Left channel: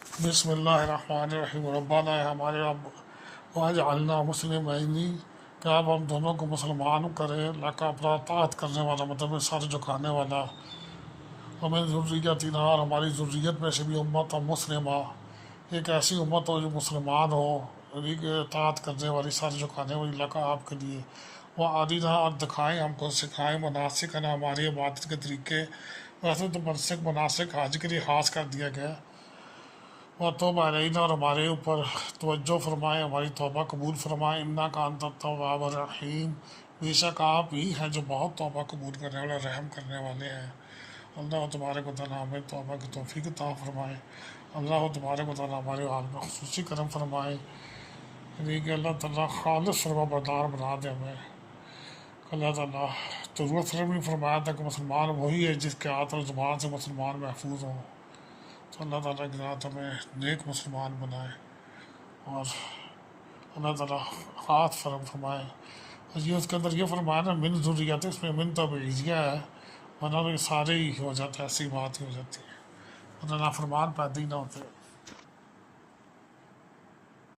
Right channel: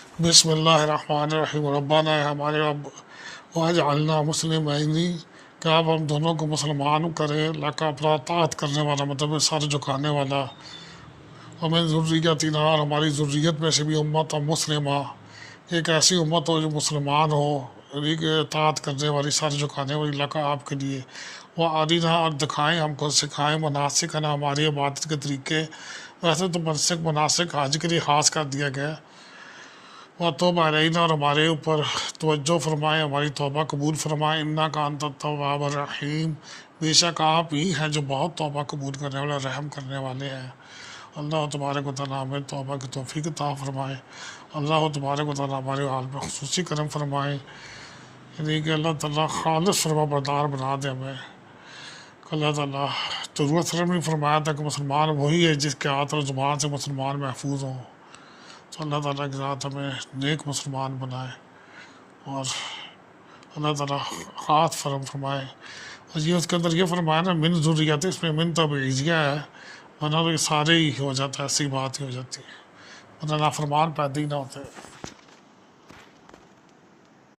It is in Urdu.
بسم اللہ الرحمن الرحیم ربنا ہے ہمارے رب واجعلنا مسلمین کہ آپ ہم دونوں کو مسلمان کریں، اللہ کا اپنا اطاعت کرنے والا مطلب سر جھکانے والا، ہمیں ذریتنا اور ہماری ذریت میں سے بھی امت مسلمہ، ایک ایسی امت ہو جو مسلمان ہو، اطاعت کرنے والی، سر جھکانے والی اللہ کا آپ کے لیے، وہ آدینہ اور دکھائیں ہم کو، سکھائیں مناسک ہے نا ہماری عبادت کے طریقے۔ ویسے تو مناسک حج کے لیے خاص کر دیا گیا، وہ توبہ علینا اور ہمارے اوپر توجہ فرمائے، ہماری توبہ قبول فرمائے، انک انت التواب الرحیم، بے شک آپ ہی ہیں جو بہت توبہ قبول کرنے والے، رحم کرنے والے ہیں۔ اللہ تبارک و تعالیٰ ہمیں توبہ کی توفیق عطا فرمائے، اللہ تبارک و تعالیٰ ہمارے حال میں خصوصی کرم فرمائے، یعنی کہ اللہ تعالیٰ خالص فرما بردار بنا دے ہمیں۔ اللہ تعالیٰ ضرورت فرم نے فرمایا تھا کہ مسلمان وہی ہے جس کے ہاتھ اور زبان سے مسلمان محفوظ ہوں، تو اللہ تعالیٰ کے ذات ہمیں نیک مسلمان بنائے، اور اللہ تعالیٰ خاص فرمائے۔ اور یہ اس کے اندر یہ فرمایا نا من ذریت، اس میں من تبعیضیہ ہے، ورنہ تو یہ سارے ہی ہو جاتا ہے، ایسی بات ہی ہو جاتی ہے، ورنہ نافرمان پیدا ہی نہ ہوتے۔